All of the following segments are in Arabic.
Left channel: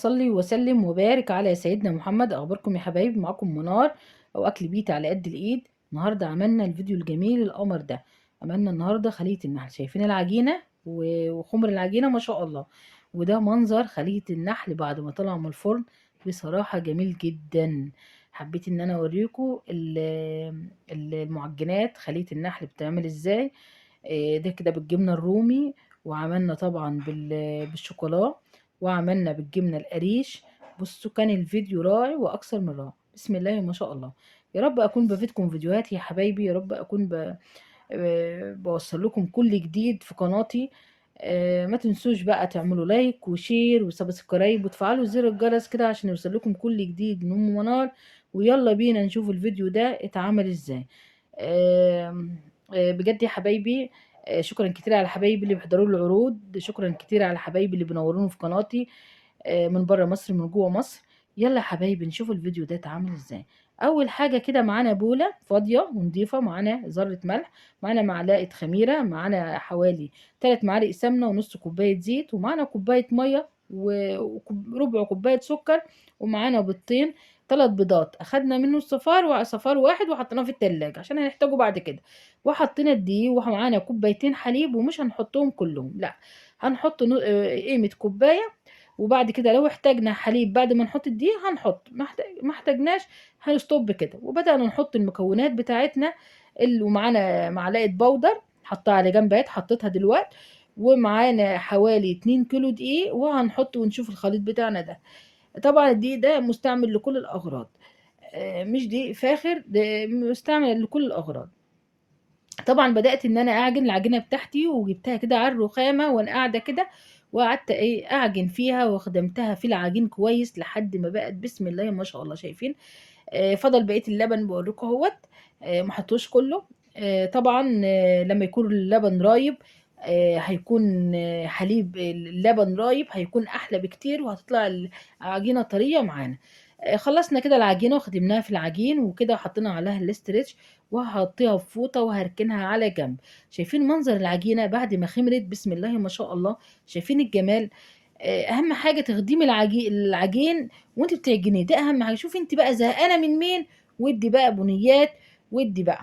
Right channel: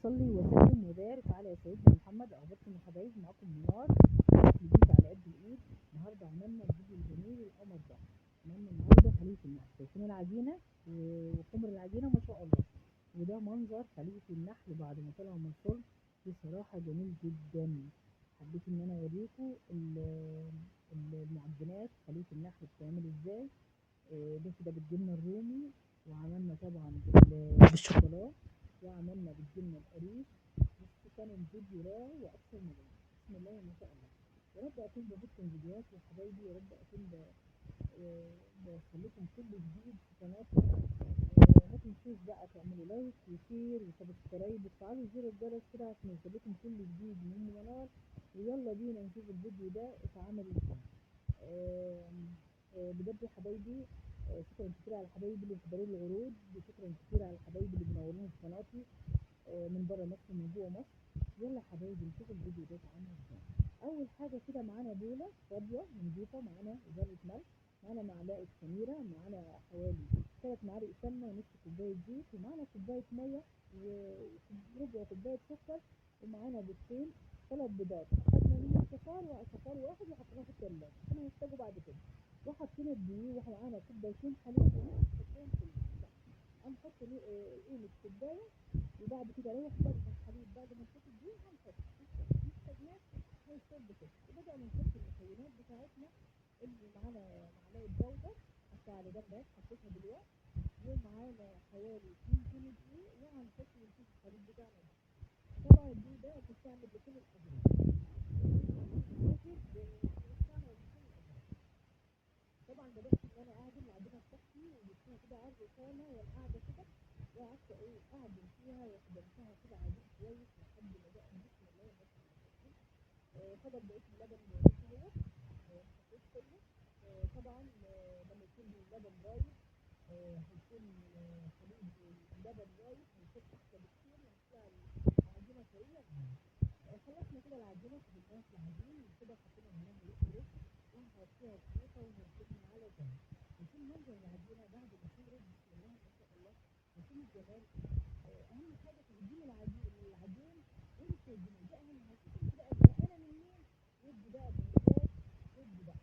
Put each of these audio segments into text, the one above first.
صلي وسلم وبارك على سيدنا محمد. اخباركم يا حبايبي؟ معاكم منار او اكل بيت على قد الايد. النهارده عملنا الفيديو الجميل القمر ده. عملنا النهارده خلية النحل. شايفين العجينة وخمر العجينة ما شاء الله. وده منظر خلية النحل بعد ما طلع من الفرن. بصراحة جميل جدا. حبيت ان انا اوريكم المعجنات خلية النحل بتعمل ازاي. ده كده بالجبنة الرومي، وعملنا طبعا بالشوكولا، وعملنا بالجبنة القريش. بصوا كان الفيديو رائع واكثر من رائع. بسم الله ما شاء الله. يا رب اكون بفيدكم فيديوهات يا حبايبي. يا رب اكون بوصل لكم كل جديد في قناتي. ما تنسوش بقى تعملوا لايك وشير وسبسكرايب وتفعلوا زر الجرس كده عشان يوصل لكم كل جديد من ام منار. ويلا بينا نشوف الفيديو ده اتعمل ازاي. بجد يا حبايبي. شكرا كتير على حبايبي اللي بيحضروا لي العروض. شكرا كتير على حبايبي اللي بينوروني في قناتي، من بره مصر من جوه مصر. يلا يا حبايبي نشوف الفيديو ده اتعمل ازاي. اول حاجه كده معانا بوله فاضيه ونضيفه، معانا ذره ملح، معانا معلقه خميره، معانا حوالي 3 معالق سمنه ونص كوبايه زيت، ومعانا كوبايه ميه وربع كوبايه سكر، ومعانا بيضتين. 3 بيضات اخدنا منه الصفار وصفار واحد وحطيناه في التلاجة عشان هنحتاجه بعد كده. وحطينا الدقيق ومعانا كوبايتين حليب، ومش هنحطهم كلهم، لا، هنحط قيمة كوباية. وبعد كده لو احتاجنا حليب بعد ما نحط الدقيق هنحط، ما احتاجناش هنستوب كده. وبدأنا نحط المكونات بتاعتنا اللي، ومعانا معلقة بودر حطها على جنب اهي، حطيتها دلوقتي. ومعانا حوالي 2 كيلو دقيق، وهنحط ونشوف الخليط بتاعنا ده. طبعا الدقيق ده مستعمل لكل الأغراض، مش دقيق فاخر، ده مستعمل لكل الأغراض. طبعا بدأت ان انا اعجن العجينة بتاعتي، وجبتها كده على الرخامة وانا قاعدة كده، وقعدت اعجن فيها وخدمتها في العجين كويس لحد ما بقت بسم الله ما شاء الله. شايفين؟ فضل بقية اللبن بوريكم اهوت. ما حطوش كله. طبعا لما يكون اللبن رايب، هيكون حليب اللبن رايب هيكون احلى بكتير، وهتطلع العجينة طرية معانا. خلصنا كده العجينة وخدمناها في العجين وكده، وحطينا عليها الاسترتش، وهحطيها في فوطة وهركنها على جنب. شايفين منظر العجينة بعد ما خمرت؟ بسم الله ما شاء الله. شايفين الجمال؟ اهم حاجة تخدمي العجين وانت بتعجنيه، ده اهم حاجة. شوفي انت بقى زهقانة من مين، ودي بقى بنيات، ودي بقى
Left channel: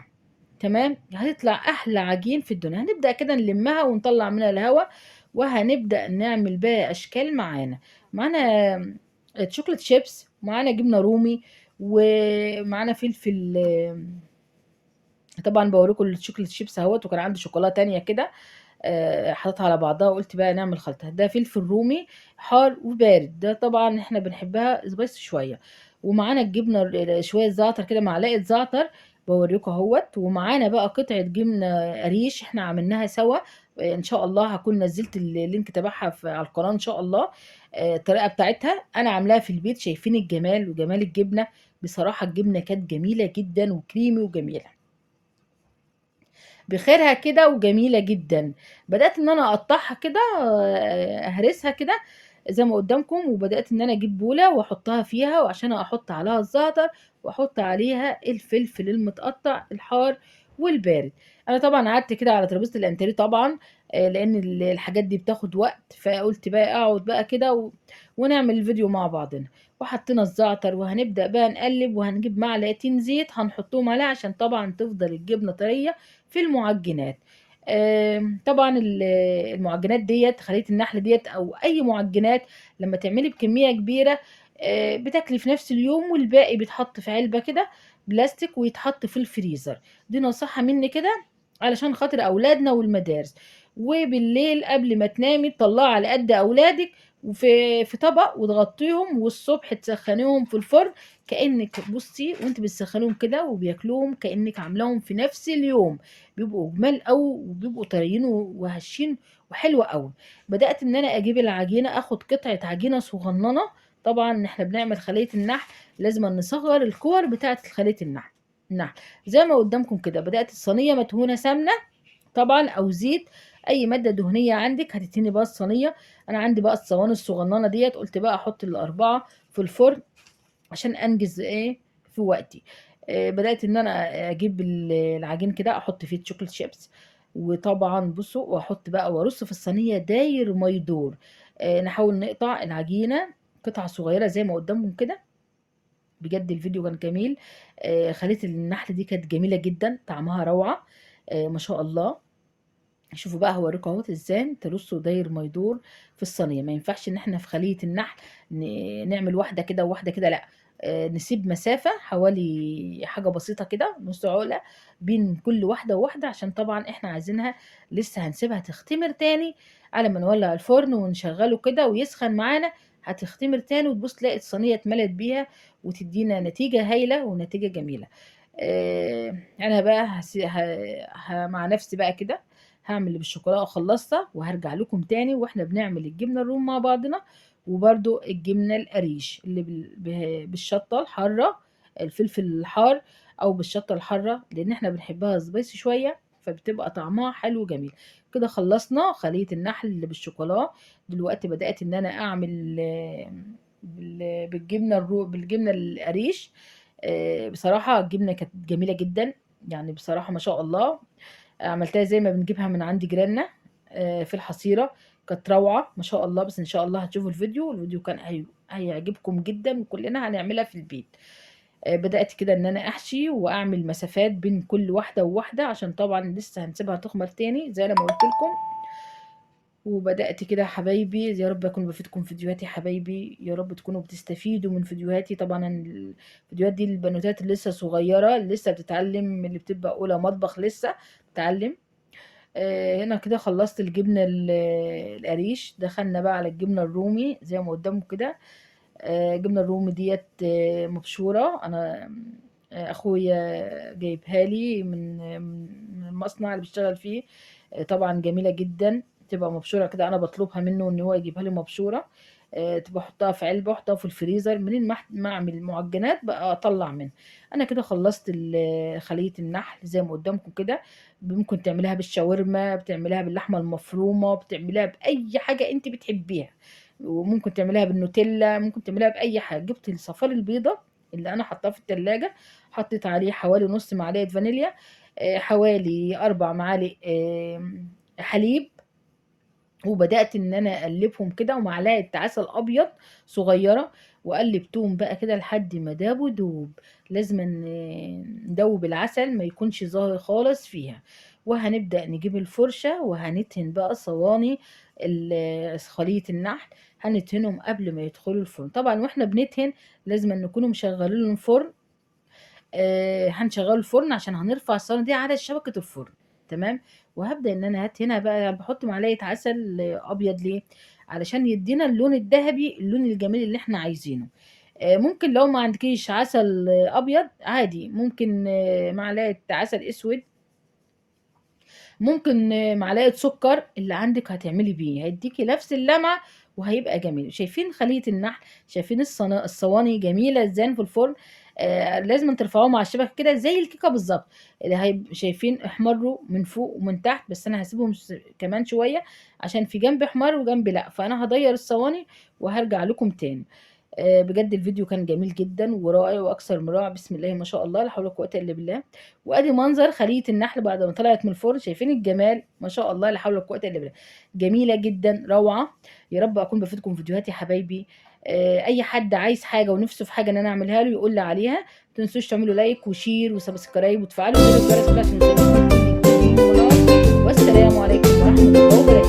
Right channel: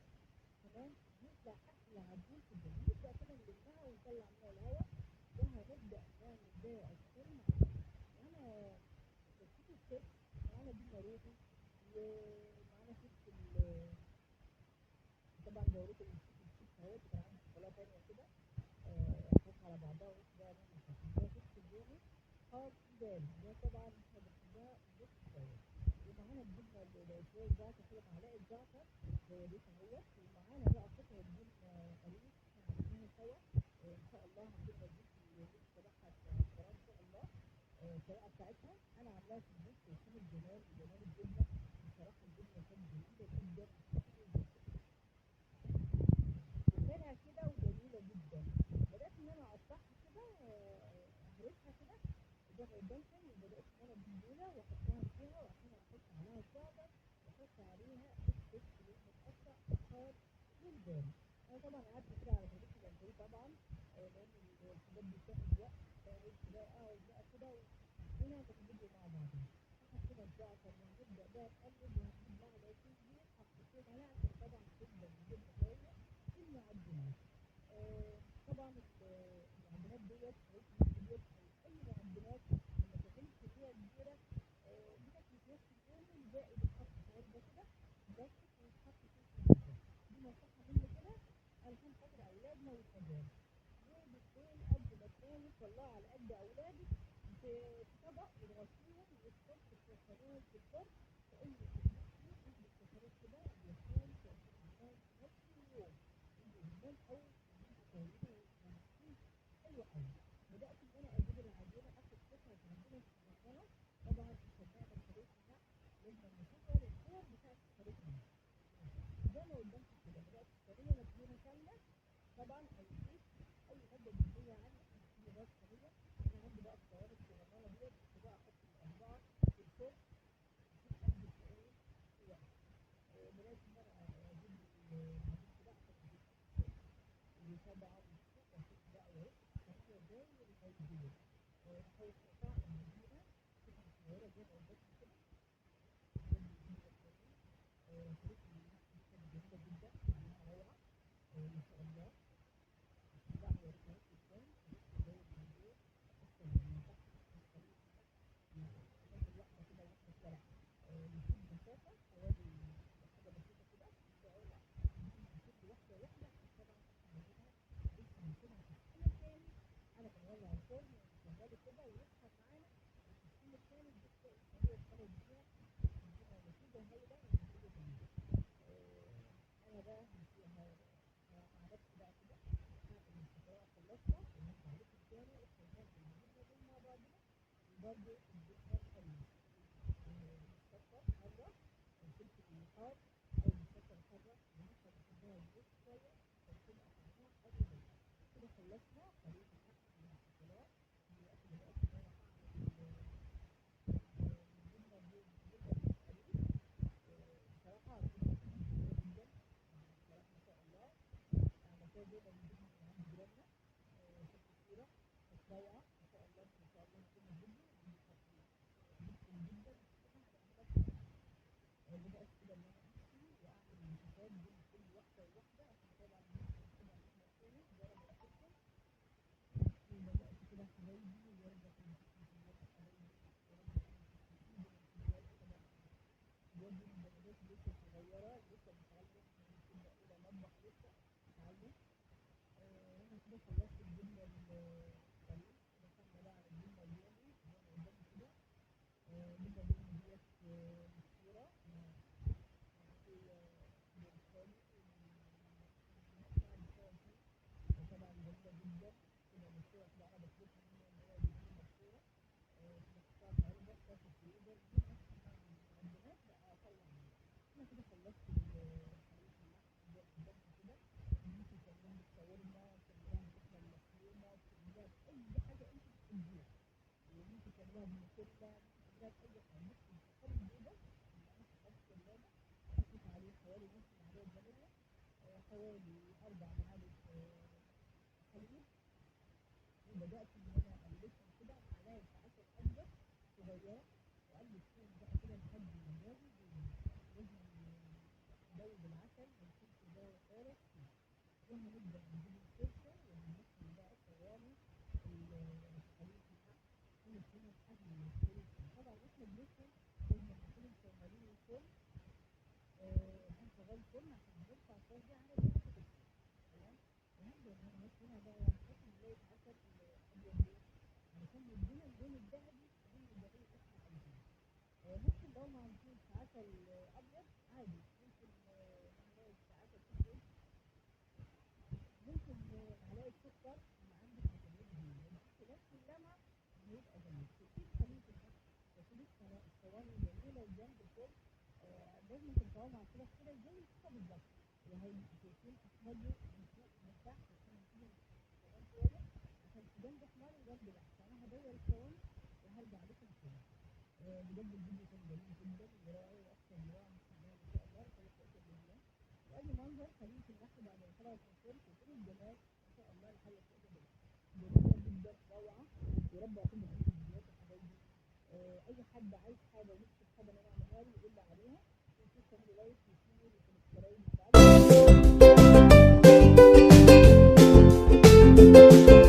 تمام، هتطلع احلى عجين في الدنيا. هنبدأ كده نلمها ونطلع منها الهواء، وهنبدأ نعمل بقى اشكال. معانا شوكليت شيبس، معانا جبنة رومي، ومعانا فلفل. طبعا بوريكم الشوكليت شيبس اهوت، وكان عندي شوكولاته تانية كده حطيتها على بعضها، وقلت بقى نعمل خلطه. ده فلفل رومي حار وبارد، ده طبعا احنا بنحبها سبايس شويه. ومعانا الجبنه شويه زعتر كده، معلقه زعتر بوريكم اهوت. ومعانا بقى قطعه جبنه قريش احنا عملناها سوا. ان شاء الله هكون نزلت اللينك تبعها على القناه ان شاء الله. الطريقه بتاعتها انا عاملاها في البيت. شايفين الجمال وجمال الجبنه؟ بصراحه الجبنه كانت جميله جدا وكريمي وجميله بخيرها كده وجميلة جدا. بدأت ان انا اقطعها كده، اهرسها كده زي ما قدامكم. وبدأت ان انا اجيب بولة واحطها فيها، وعشان احط عليها الزعتر واحط عليها الفلفل المتقطع الحار والبارد. انا طبعا قعدت كده على ترابيزة الانتريه طبعا، لان الحاجات دي بتاخد وقت، فقلت بقى اقعد بقى كده ونعمل الفيديو مع بعضنا. وحطينا الزعتر وهنبدأ بقى نقلب، وهنجيب معلقتين زيت هنحطهم عليها عشان طبعا تفضل الجبنة طرية في المعجنات. طبعا المعجنات ديت، خلية النحل ديت او اي معجنات، لما تعملي بكمية كبيرة بتاكلي في نفس اليوم، والباقي بيتحط في علبة كده بلاستيك ويتحط في الفريزر. دي نصيحة مني كده علشان خاطر اولادنا والمدارس. وبالليل قبل ما تنامي تطلعي على قد اولادك وفي طبق وتغطيهم، والصبح تسخنيهم في الفرن. كأنك بصي وانت بتسخنيهم كده وبياكلوهم كأنك عاملاهم في نفس اليوم. بيبقوا جمال قوي وبيبقوا طريين وهشين وحلوة قوي. بدأت ان انا اجيب العجينة، اخد قطعة عجينة صغننة. طبعا احنا بنعمل خلية النحل لازم نصغر الكور بتاعة خلية النحل زي ما قدامكم كده. بدأت الصينية مدهونة سمنة طبعا او زيت، اي ماده دهنيه عندك هتتني بقى الصينيه. انا عندي بقى الصواني الصغننه ديت، قلت بقى احط الاربعه في الفرن عشان انجز في وقتي. بدات ان انا اجيب العجين كده، احط فيه شوكليت شيبس. وطبعا بصوا، واحط بقى وارص في الصينيه داير ما يدور. نحاول نقطع العجينه قطع صغيره زي ما قدامكم كده. بجد الفيديو كان جميل. خلية النحل دي كانت جميله جدا، طعمها روعه. ما شاء الله. شوفوا بقى هوريكم اهوت ازاي ترصوا داير ما يدور في الصينيه. ما ينفعش ان احنا في خليه النحل نعمل واحده كده وواحده كده، لا. نسيب مسافه حوالي حاجه بسيطه كده، نص عقله بين كل واحده وواحده، عشان طبعا احنا عايزينها لسه هنسيبها تختمر تاني على ما نولع الفرن ونشغله كده ويسخن معانا. هتختمر تاني وتبص تلاقي الصينيه اتملت بيها وتدينا نتيجه هايله ونتيجه جميله. انا بقى مع نفسي بقى كده هعمل اللي بالشوكولاته خلصتها، وهرجع لكم تاني واحنا بنعمل الجبنه الروم مع بعضنا، وبرده الجبنه القريش اللي بالشطه الحاره، الفلفل الحار، او بالشطه الحاره، لان احنا بنحبها سبايسي شويه، فبتبقى طعمها حلو جميل. كده خلصنا خليه النحل اللي بالشوكولاته. دلوقتي بدات ان انا اعمل بالجبنه القريش. بصراحه الجبنه كانت جميله جدا، يعني بصراحه ما شاء الله. عملتها زي ما بنجيبها من عند جيراننا في الحصيرة. كانت روعة ما شاء الله. بس ان شاء الله هتشوفوا الفيديو كان هيعجبكم جدا، وكلنا هنعملها في البيت. بدأت كده ان انا احشي واعمل مسافات بين كل واحدة وواحدة، عشان طبعا لسه هنسيبها تخمر تاني زي ما قلت لكم. وبدأت كده يا حبايبي. يا رب اكون بفيدكم فيديوهاتي يا حبايبي، يا رب تكونوا بتستفيدوا من فيديوهاتي. طبعا الفيديوهات دي البنوتات اللي لسه صغيرة، اللي لسه بتتعلم، اللي بتبقى اولى مطبخ لسه بتتعلم. هنا كده خلصت الجبنة القريش. دخلنا بقى على الجبنة الرومي زي ما قدامكم كده. الجبنة الرومي ديت مبشورة. انا اخويا جايبها لي من المصنع اللي بيشتغل فيه. طبعا جميلة جدا، تبقى مبشورة كده. انا بطلبها منه ان هو يجيبها لي مبشورة. تبقى احطها في علبة، احطها في الفريزر، منين ما اعمل المعجنات بقى اطلع منها. انا كده خلصت خلية النحل زي ما قدامكم كده. ممكن تعمليها بالشاورما، بتعمليها باللحمة المفرومة، بتعمليها بأي حاجة انت بتحبيها. وممكن تعمليها بالنوتيلا، ممكن تعمليها بأي حاجة. جبت الصفار البيضة اللي انا حطاه في التلاجة، حطيت عليه حوالي نص معلقة فانيليا، حوالي 4 معالق حليب. وبدأت ان انا اقلبهم كده، ومعلقة عسل ابيض صغيرة، وقلبتهم بقى كده لحد ما دابوا دوب. لازم ندوب العسل، ما يكونش ظاهر خالص فيها. وهنبدأ نجيب الفرشة وهندهن بقى صواني خلية النحل. هندهنهم قبل ما يدخلوا الفرن طبعا. واحنا بندهن لازم نكونوا مشغلين الفرن. هنشغل الفرن عشان هنرفع الصينيه دي على شبكه الفرن. تمام. وهبدا ان انا هنا بقى بحط معلقه عسل ابيض. ليه؟ علشان يدينا اللون الذهبي، اللون الجميل اللي احنا عايزينه. ممكن لو ما عندكيش عسل ابيض عادي، ممكن معلقه عسل اسود، ممكن معلقه سكر اللي عندك هتعملي بيه، هيديكي نفس اللمعه وهيبقى جميل. شايفين خليه النحل؟ شايفين الصواني جميله ازاي في الفرن؟ لازم ترفعوهم على الشبكه كده زي الكيكه بالظبط. اللي شايفين احمروا من فوق ومن تحت، بس انا هسيبهم كمان شويه عشان في جنب احمر وجنب لا. فانا هضير الصواني وهرجع لكم تاني. بجد الفيديو كان جميل جدا ورائع واكثر من رائع. بسم الله ما شاء الله، لا حول ولا قوه الا بالله. وادي منظر خليه النحل بعد ما طلعت من الفرن. شايفين الجمال؟ ما شاء الله، لا حول ولا قوه الا بالله. جميله جدا، روعه. يا رب اكون بفيدكم فيديوهاتي يا حبايبي. اي حد عايز حاجه ونفسه في حاجه ان انا اعملها له يقول لي عليها. ما تنسوش تعملوا لايك وشير وسبسكرايب وتفعلوا زر الجرس عشان والسلام عليكم ورحمه الله وبركاته.